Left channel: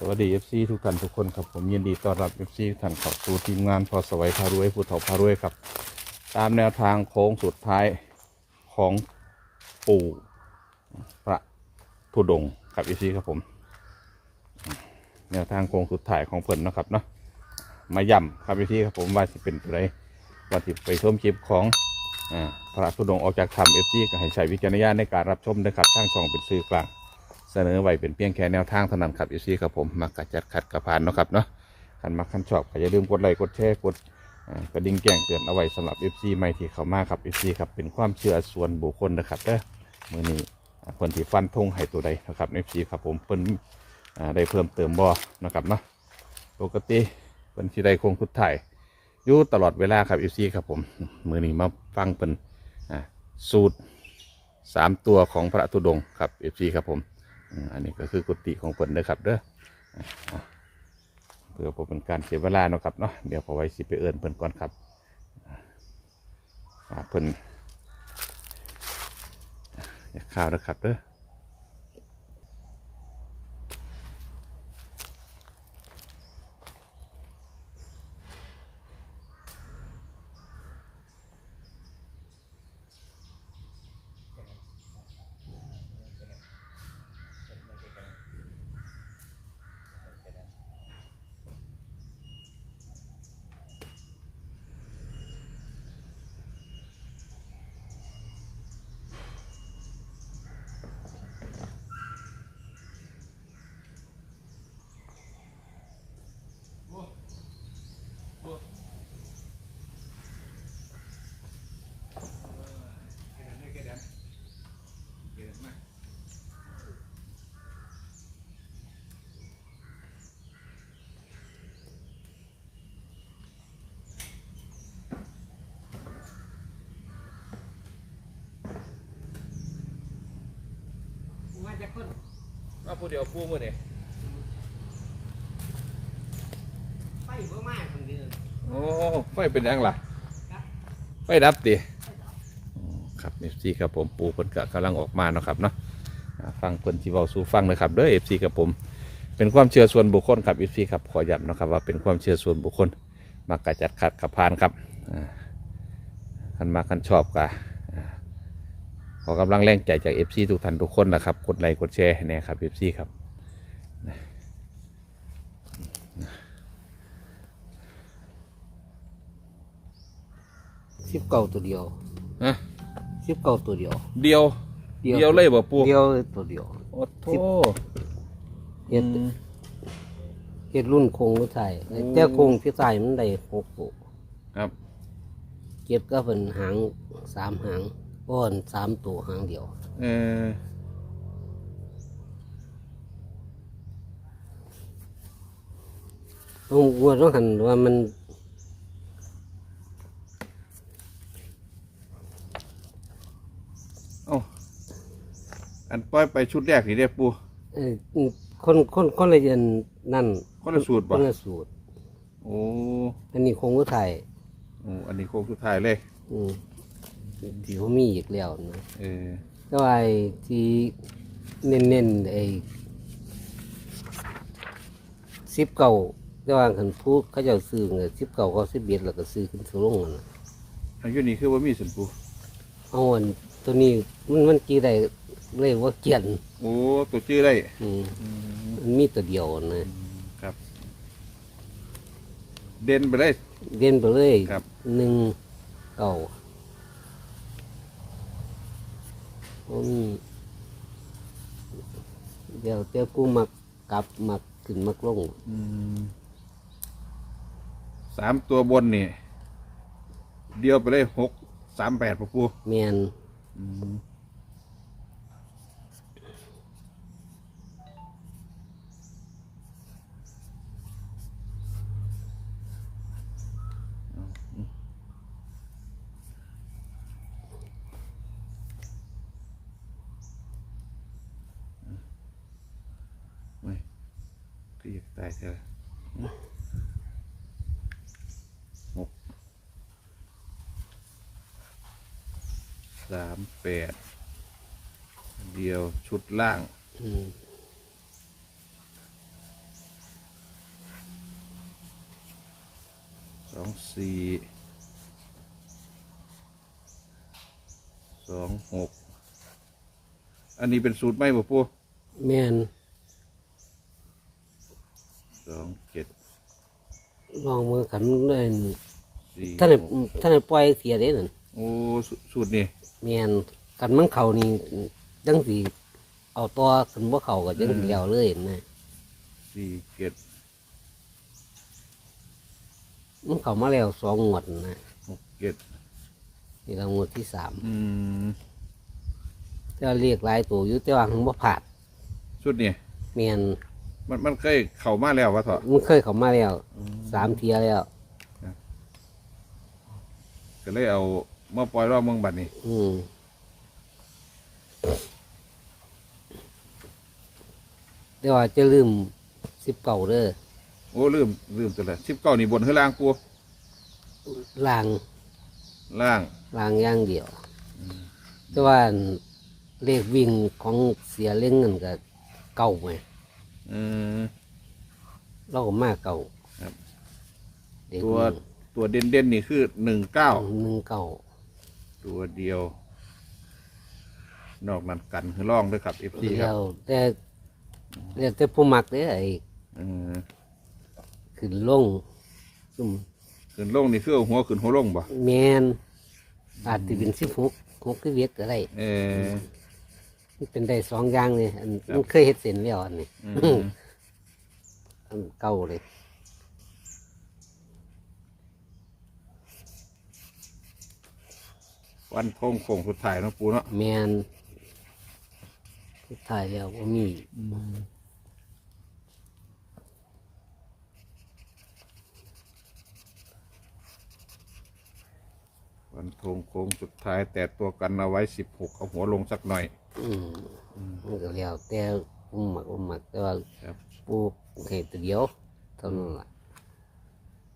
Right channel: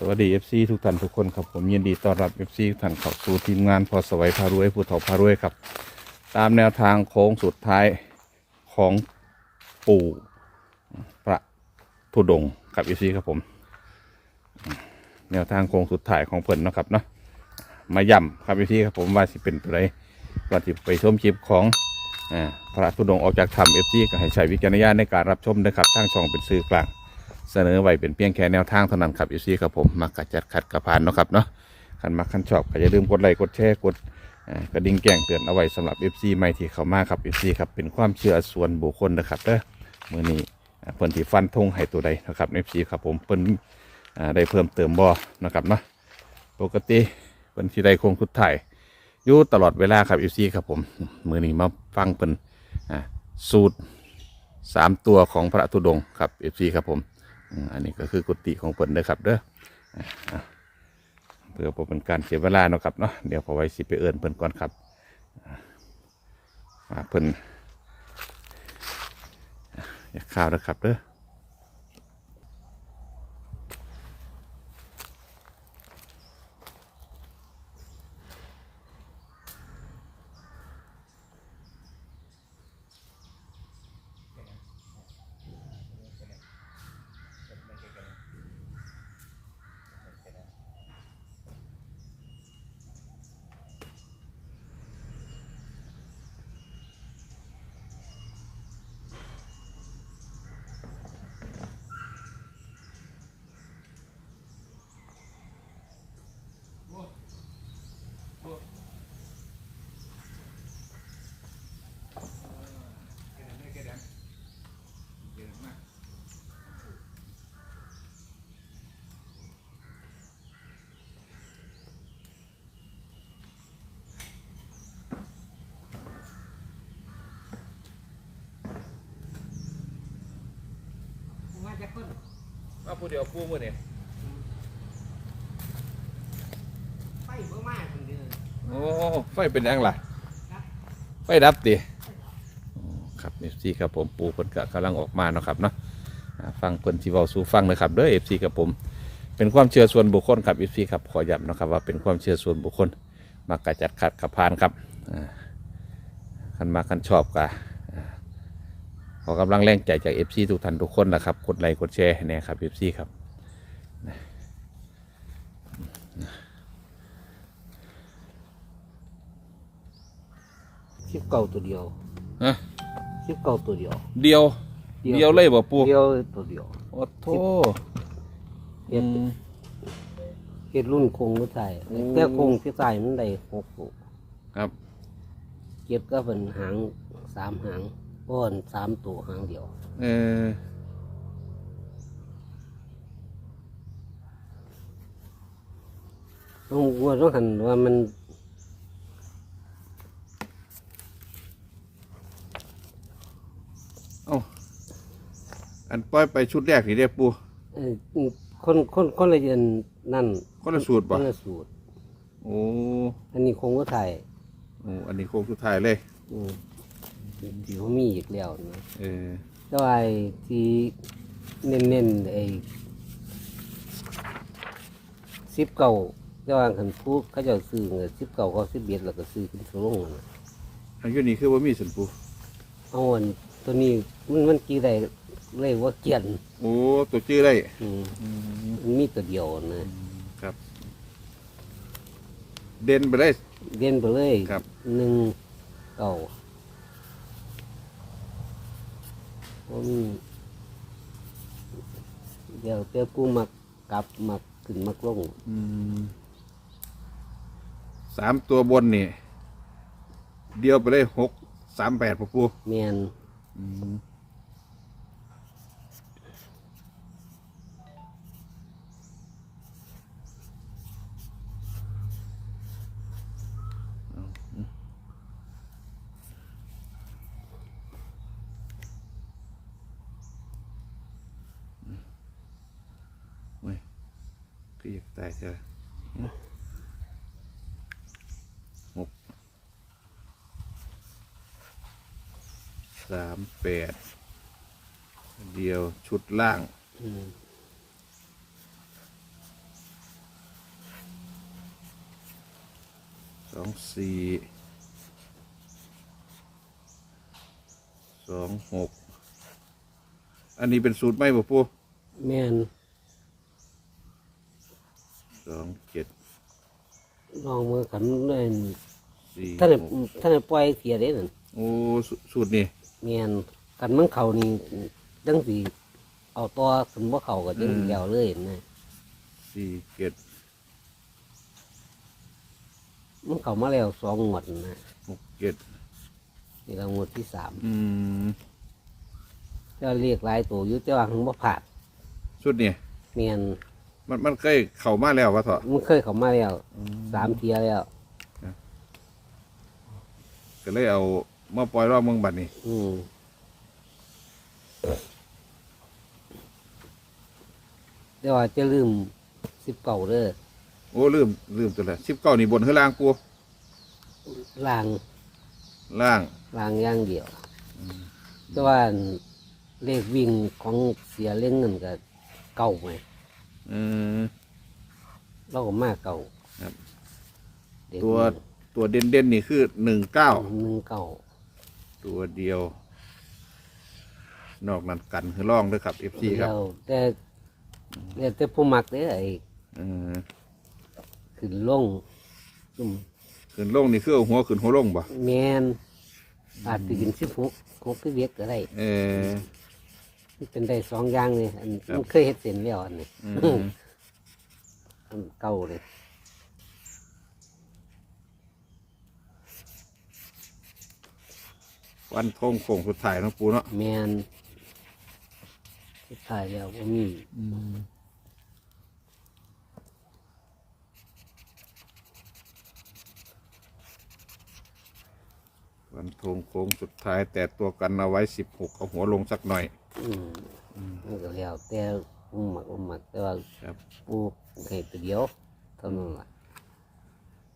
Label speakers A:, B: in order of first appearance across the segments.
A: สวัสดี FC ทุกท่านทุกคนครับผมยินดีต้อนรับ FC ทุกท่านเข้าสู่ทีมงานพอสวัยพารวยผู้ถอพารวยครับ ตามแนวทางโค้งสุดท้ายของปู่พระธุดงค์ครับ FC ครับผม แนวทางโค้งสุดท้ายของเพิ่นนะครับเนาะมาย่ำครับ FC ครับผมว่าสิเป็นตัวใดว่าสิไปชมคลิปของอ่าพระธุดงค์ออกจากถ้ำ FC ก็ให้ใช้วิจารณญาณในการรับชมนะครับทางช่องเป็นสื่อกลาง เสนอไว้เป็นเพียงแค่แนวทางเท่านั้นครับอีซี่ครับผมมักกะจัดขัดกระพานเนาะครับเนาะคันมักคันชอบก็อย่าลืมกดไลค์กดแชร์กดกระดิ่งแจ้งเตือนเอาไว้สำหรับ FC ใหม่ที่เข้ามาครับ FC ครับเป็นความเชื่อส่วนบุคคลนะครับเด้อมือนี้เพิ่นที่ฟันธงให้ตัวใดนะครับ FC ครับผมเพิ่นได้เพิ่มเติมบ่นะครับเนาะปกติเพิ่นสิได้คงคุดถ่ายอยู่ตลอดเวลาครับ FC ครับผมมือนี้มาฟังเพิ่นสูตรสามตัวของพระธุดงครับ FC ครับผม อันนี้ก็คือกุฏิของเพิ่นเด้อครับเด้อเพื่อเป็นการเสียเวลาเนาะครับเนาะเดี๋ยวพอไว้สิไปเอิ้นเพิ่นก่อนครับเพิ่นอ่ากข้าวนะครับเด้อ ผู้เดียวผู้มื้อนี้
B: ไฟบ่มากคนเดียว
A: โอ้ไฟเป็นยังล่ะ ไฟดับติอ๋อครับ FC ครับผมปู่เพิ่นก็กำลังออกมาเนาะครับเนาะอ่าฟังเพิ่นสิเว้าสู่ฟังนะครับเด้อ FC ครับผม เป็นความเชื่อส่วนบุคคลครับ FC ครับขอย้ำนะครับว่าเป็นความเชื่อส่วนบุคคลมักกะจัดขัดขับพานครับอ่าคันมาคันชอบกะอ่า ขอกำลังแรงใจจาก FC ทุกท่านทุกคนนะครับ กดไลค์กดแชร์ให้แน่ครับ FC ครับ
B: สิบเก้าตัวเดียว
A: ฮะ
B: สิบเก้าตัวเดียว
A: เดียว เดียวเลยบ่ปู
B: เดียวตัวเดียว
A: โอ้โถ
B: เฮ็ด
A: อืม
B: เฮ็ดรุ่นโคงก็ใส่
A: โอ้
B: แต่โคงที่ใส่มันได้หกตัว
A: ครับ
B: เก็บก็เป็นหางสามหาง อ้อนสามตัวหางเดียว
A: เออ
B: ต้องว่าต้องหันว่ามัน
A: เอ้าอันปล่อยไปชุดแรกนี่เด้ปู
B: เอ่อคนคนคนละเรียนนั่น
A: คนละสูตรบ่
B: คนละสูตร
A: โอ้
B: อันนี้โคงก็ใส่
A: โอ้อันนี้โค้งสุดท้ายเลย
B: อืม ที่เขามีอีกแล้วนะ
A: เออ
B: แต่ว่าไอ้ที่เน้นๆไอ้สิบเก่าแต่ว่าคันพูดเขาเจะซื้อเงินสิบเก่าก็สิบเบียดแล้วก็ซื้อขึ้นซื้อลงนั่นน่ะ
A: อันอยู่นี่คือว่ามีสันปู
B: เอาอันตัวนี้มันมันกี่ได้เลยว่าเกียน
A: โอ้ตัวชื่อได้
B: อืม
A: อืม
B: มันมีตัวเดียวนะครับ
A: เด่นไปได้
B: เด่นไปเลย
A: ครับ
B: หนึ่งเก่า อืมเดี๋ยวเต้ากูมากลับมาขึ้นมากลง
A: อืมสามตัวบนนี่ เดียวไปเลยหกสามแปดปูปู
B: แมน
A: อืม กตายเถอะหกสามแปดเดียวชุดล่าง
B: ส
A: องสี่สองหกอันนี้เป็นสูตรไหมบ่ปู
B: แม่น
A: สองเจ็ด
B: ลองมือกันเล่น
A: สี่
B: ท่านได้
A: หก
B: ท่านได้ปล่อยเสียได้นั่น
A: โอ้สูสูตรนี่
B: แม่นกันมันเข้านี่จังสิเอาต่อขึ้นบ่เข้าก็จังเดียวเลยนะ
A: สี่เจ็ด
B: มันเข้ามาแล้วสองงวดนะ
A: หกเจ็ด
B: นี่ละงวดที่สาม
A: อืม
B: แต่ว่าเรียกหลายตัวอยู่แต่ว่าหังบ่ผ่าน
A: ชุดนี่
B: แม่น
A: มันมันเคยเข้ามาแล้ววะเถอะ
B: มันเคยเข้ามาแล้วสามเทียแล้ว
A: ก็เลยเอามาปล่อยรอบเมืองบัดนี้
B: อืมแต่ว่าจะลืมสิบเก่าเด้อ
A: โอ้ลืมลืมตัวแล้วสิบเก้านี่บนข้างล่างปู
B: ล่าง
A: ล่าง
B: ล่างอย่างเดียวแต่ว่าเลขวิ่งของเสียเล่งเงินก็เก่าไหม
A: อืม
B: เราก็มาเก่า
A: ครับ
B: เด็ก
A: ตัวตัวเด่นเด่นๆนี่คือหนึ่งเก้า
B: หนึ่งเก่า
A: ตัวเดียว นอกนั้นกันคือล่องด้วยครับเอฟซีครับ
B: แล้วแต่แล้วแต่ผู้มักเด้อไอ้
A: อืม
B: ขึ้นลงซุ่ม
A: ขึ้นล่องนี่คือเอาหัวขึ้นหัวล่องบ่
B: แมนอาจจะเป็นสิบหกหกที่เวียกก็ได้
A: เออ
B: มันเป็นได้สองอย่างเลยอัน
A: ครับ
B: มันเคยเห็ดเส้นแล้วอันนี้
A: อืม
B: อันเก่าเลย
A: วันโค้งโค้งสุดท้ายเนาะปูเนาะ
B: แมนสุดท้ายแล้วว่ามี
A: โค้งโค้งสุดท้าย แต่ตัวกันเอาไว้สิบหกเอาหัวลงสักหน่อย
B: อืมมันก็แล้วแต่อุ้มหมักอุ้มหมักแต่ว่า
A: ครับ
B: ปลูกให้ตัวเดียวเท่านั้นแหละ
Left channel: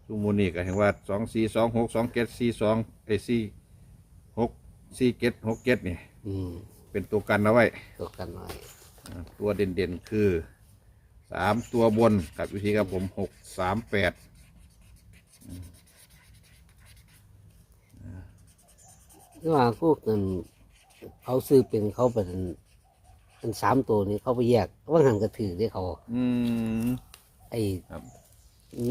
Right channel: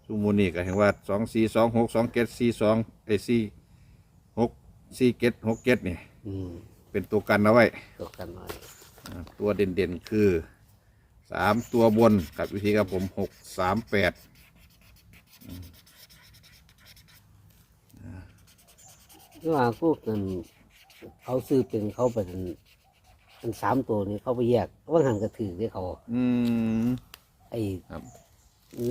A: ซูมูนี่ก็เห็นว่าสองสี่สองหกสองเกตสี่สองไอสี่หกสี่เกตหกเกตนี่
B: อืม
A: เป็นตัวกันเอาไว้
B: ตัวกันหน่อย
A: อ่าตัวเด่นๆคือสามตัวบนกับวิธีครับผมหกสามแปด
B: ที่ว่าพวกนั้นเขาซื้อเป็นเขาเป็นเป็นสามตัวนี้เขาไปแยกว่าหันกระถือที่เขา
A: อืม
B: ไอ้
A: ครับ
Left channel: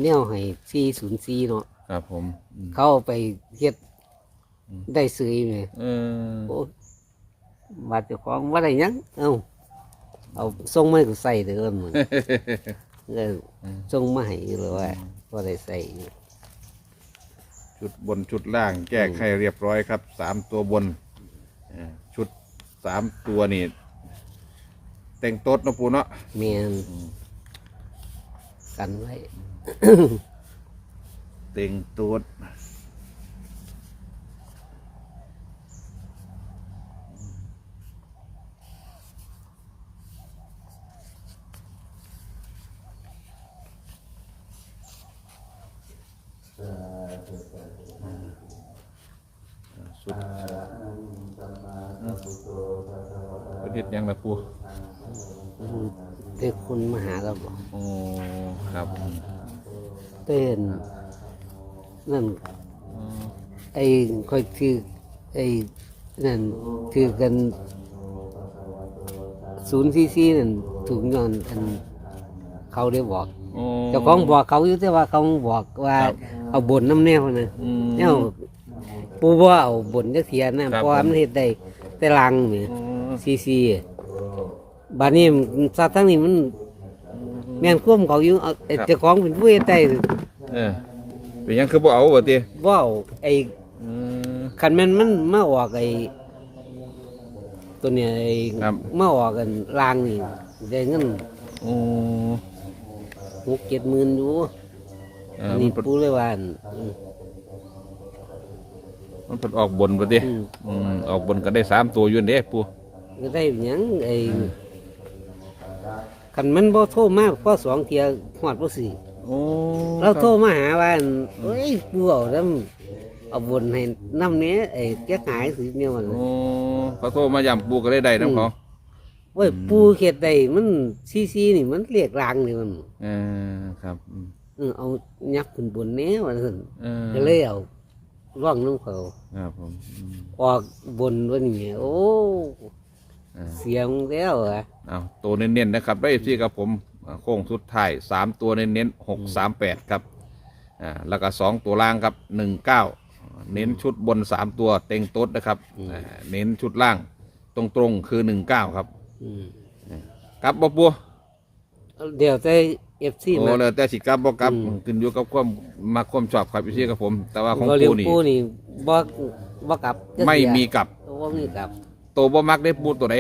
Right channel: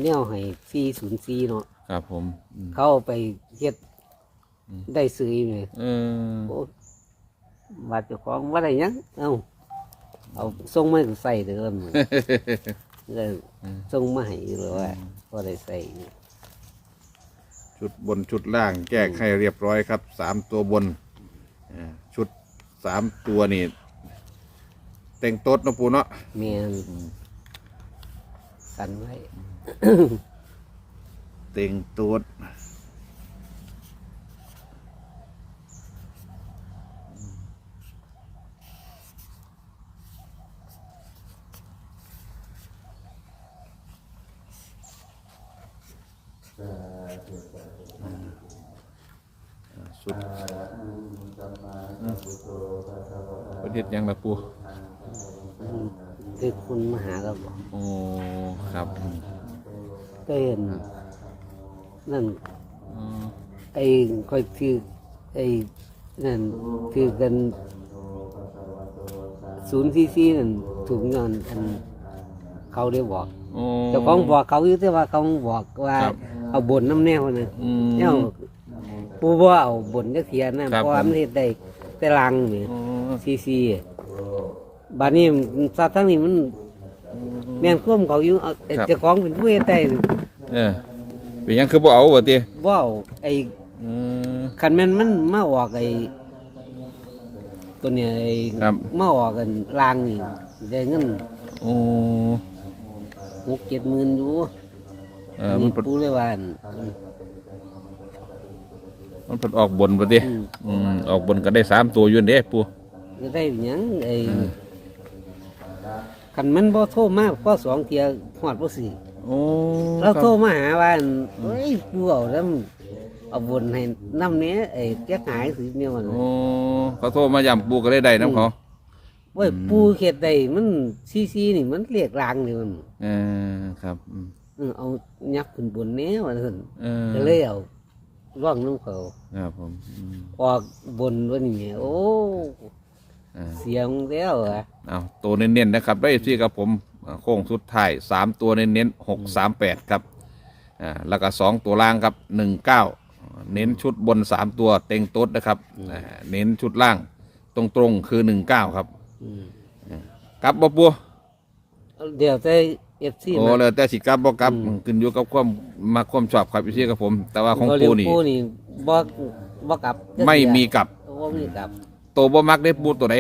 B: แนวให้ซีศูนย์ซีเนาะ
A: ครับผมอืม
B: เขาเอาไปเฮ็ด
A: อืม
B: ได้ซื้อไหม
A: เออ
B: โอ้บาดเจ้าของว่าได้หยังเอ้าเอาส่งมาให้กูใส่เด้อมึงเลยส่งมาให้เลยว่าก็ได้ใส่อยู่
A: ชุดบนชุดล่างแก้ให้เรียบร้อยครับสามตัวบนอ่าชุดสามตัวนี่แต่งโต๊ดเนาะปูเนาะ
B: เมียน
A: อืม
B: กันไว้
A: เต็งโต๊ด สุดประเด็ดยังละปู
B: เด็กคุณมาหาเราบอก
A: โอ้ครับ
B: เต้นนั่น
A: อืม
B: ไอ้คอยถือไอ้นั่นถือกันศูนย์ซีซีนั่นถูกเงินอันเขาได้บอก
A: โอ้
B: เจ้าของบอกเขาอยู่แต่ว่าเขาบอกว่า
A: ครับ
B: เอาบนน้ำแนวนะ
A: อืม
B: เนี่ย ปูว่าเอาบนจักเทียนะ
A: ครั
B: เพ
A: บ
B: ราะว่า
A: ผม
B: มันเฮ็ดได้แต่ลังนี่
A: อ๋อ
B: ซีซีบานี้ซาทั้งนี้มันแม่นคุ้มเขาอยู่เอาไอ้
A: ครับ
B: เจ้าของเป็นผู้เฮ็ดได้
A: เออเป็นหยังคือบ่เอาบ่ติ
B: ว่าเอาไอ้
A: อืม
B: คันแม่นมันมาออกไอ้ตัวเนี้ไอ้
A: ครับ
B: มาออกกันลางนี่ได้เงิน
A: โอ้
B: หกเจ็ดหมื่นอยู่
A: เออมั
B: นี่
A: นเพิ่น
B: ปูเลยว่าอั่น
A: มันเพิ่นออกบนบ่ติ
B: อืม
A: อืมออกบนก็ได้สามตัวอยู่นั่นเด้ปู่
B: ก็ได้หยังไอ้คันมันบ่โทรมาก็สองเที่ยฮอดบ่สี่
A: โอ้
B: เราโทรมาหาว่าอั่นเอ้ยปูเอาแล้วเอาบนให้น้ำเนี้ยไอ้แก้หายสิเนี่ยมัน
A: โอ้เขาโทรมาย้ำปู่ก็ได้ได้นํเขา
B: เว้ยปูเฮ็ดได้มันซีซีนี่มันเรียกลางนี่มัน
A: เออครับอืม
B: มออเอายักษ์ขึ้นบนแนี้ว่าซั่น
A: เออ
B: ก็เลยเอา ร่องน้องเขา
A: ครับผมอืม
B: ออกบนว่านี่โอ้
A: เออ
B: เสียงแล้วอะ
A: เอาตัวเน้นๆนะครับได้ที่ครับผมอ่าโค้งสุดท้ายสามตัวเน้นๆหกสามแปดครับอ่าแล้วก็สองตัวล่างครับหนึ่งเก้าเน้นชุดบนสามตัวเต็งโต๊ดนะครับอ่าเน้นชุดล่างตรงๆคือหนึ่งเก้าครับ
B: อืม
A: ครับบ่ปัว
B: เดี๋ยวแต่ เอฟซี
A: โอ้
B: มา
A: เลยแต่สิกลับบ่กลับ
B: อืม
A: ขึ้นอยู่กับความมาความชอบครับพี่ครับผม แต่ว่าของ
B: ก็เลี้ย
A: ปู
B: ง
A: นี่
B: ปูนี่บ่บ่กลับจัก
A: ไม่
B: เที่ย
A: มีกลับ
B: บ่มีกลับ
A: ตัวบ่มักได้ปูตัวไหน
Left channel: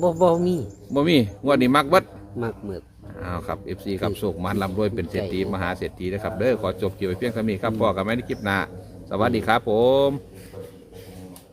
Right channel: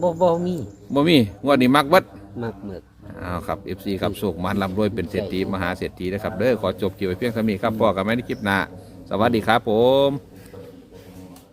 B: บ่บ่มี
A: บ่มีงวดนี้มักเบิด
B: มากหมึก
A: อ้าวครับ FC ครับโชคมันร่ำรวยเป็นเศรษฐีมหาเศรษฐีนะครับเด้อขอจบเกี่ยวไว้เพียงเท่านี้ครับพ่อกับแม่ในคลิปหน้าสวัสดีครับผม